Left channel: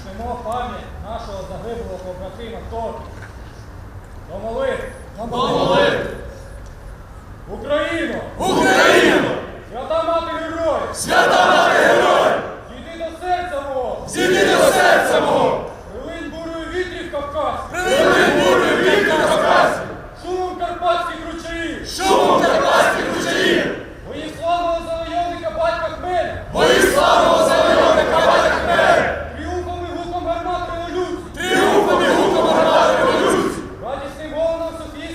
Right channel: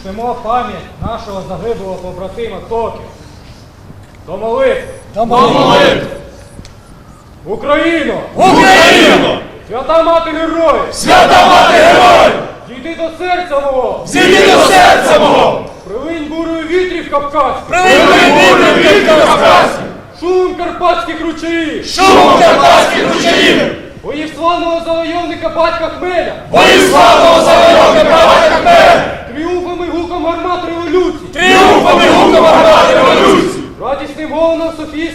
чтимо пам'ять нашого загиблого побратима Токи. До молитви! До молитви! Україно! Україно! Свята мати героїв! Свята мати героїв! Дійди до серця мого! Зійди до серця мого! Прилинь бурою вітрів кавказьких! Прилинь бурю від Кавказів! Шумом карпатських ручаїв! Шумом карпатських ручаїв! Боїв славного завойовника батька Хмеля! Бої славного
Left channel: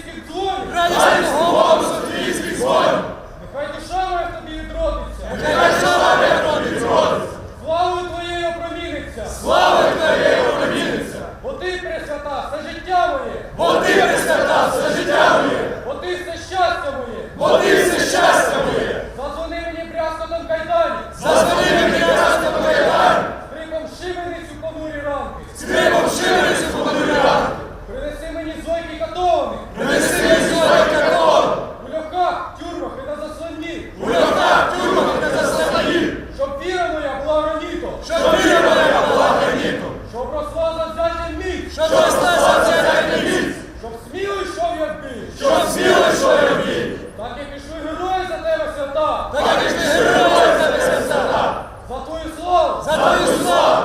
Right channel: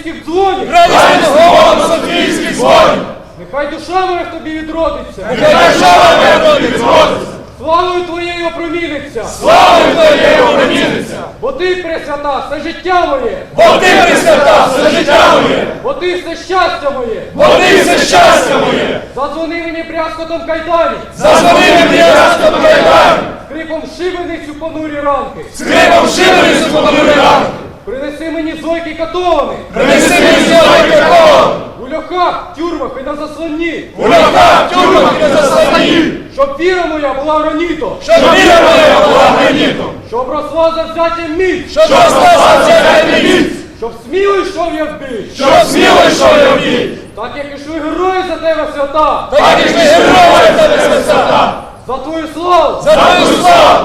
Софійських дзвонів! Радість голом Софійських дзвонів! Нехай душа моя в тобі відродиться! Нехай держава виходить згодиться! Славою твоєю опроміниться! Славою твоєю проміниться! Бо ти пресвята, все життя моє! Бо ти присвята все життя моє! Бо ти все щастя моє! Бо ти все щастя моє! Задзвони мені брязкотом кайданів! Зазвони мені ясно кайдан! Скрипом шибеницю понурі ранки! Скрипом шибеницю понурі ранки! Принеси мені зойки катованих! Принеси мені золотой какон! У льохах, тюрмах і на заслонні! У льохах, тюрмах і заслоні! Щоб віра моя була гранітом! Щоб віра моя була гранітом! Щоб росла завзяттям міць! Щоб росла завзяття міць! Щоб сміло йшов я в бій! Щоб сміло йшов я в бій! Так як ішли герої за тебе свята! Так і ж ми герої за тебе свята! За твою славу! За твою славу!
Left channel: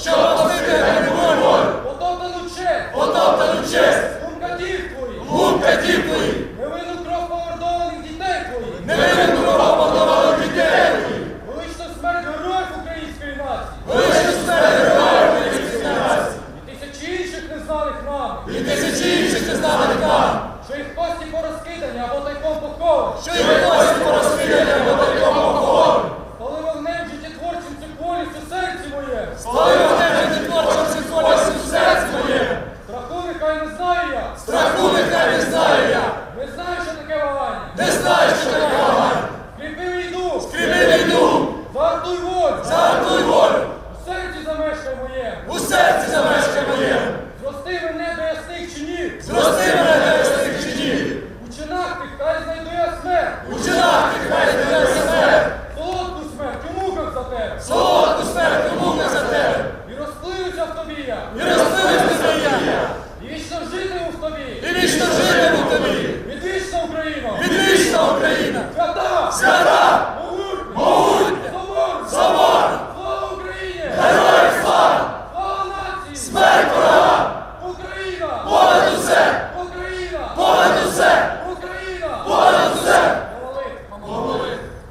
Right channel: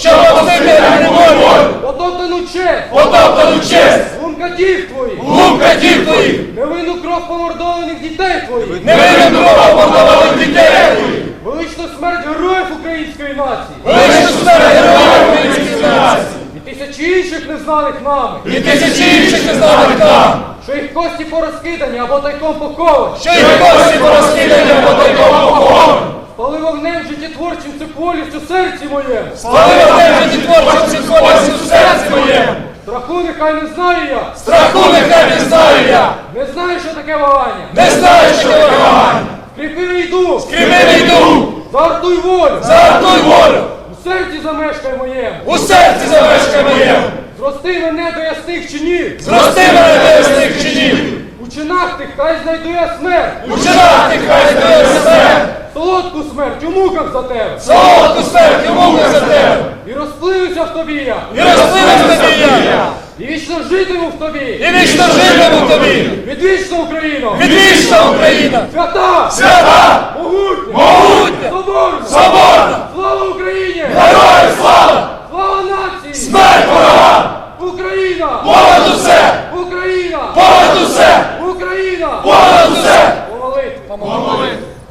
Щоб посити на волю! Потоптану честь! Потоптану честь! Лункатів твоїх! Глум катів твоїх! Невинну кров помордованих дітей твоїх! Невинну мордованих дітей твоїх! Величну смерть героїв української нації! Величну смерть героїв української нації! І тисячі інших незнаних нами! І тисячі інших незнаних нам! Що їх кості порозкидані або тайком поховані! Що їх кості Спали вогнем життєтворчим симфоністі в серці моєму! Страху нехай не знаю я! Страху нехай не знаю я! Не знаю, що таке вагання! Не знаю, що таке вагання! Кріпи йду! Кривий йду! Зартуй волю! Загартуй волю! У серці замешкай моєму! У серці замешкай моєму! Зрости мене до ясних чинів! Зрости мене до ясних чинів! У чинах тих хай знайду я смерть! У чинах ти хай здає смерть! Солодку смерть у муках за тебе! Солодку смерть у муках за тебе! І розпливуся в тобі я! І розпливеш тобі я! І вічно житиму в тобі! І вічно житиму в тобі! Відвічна Україна! Відвічна Україна!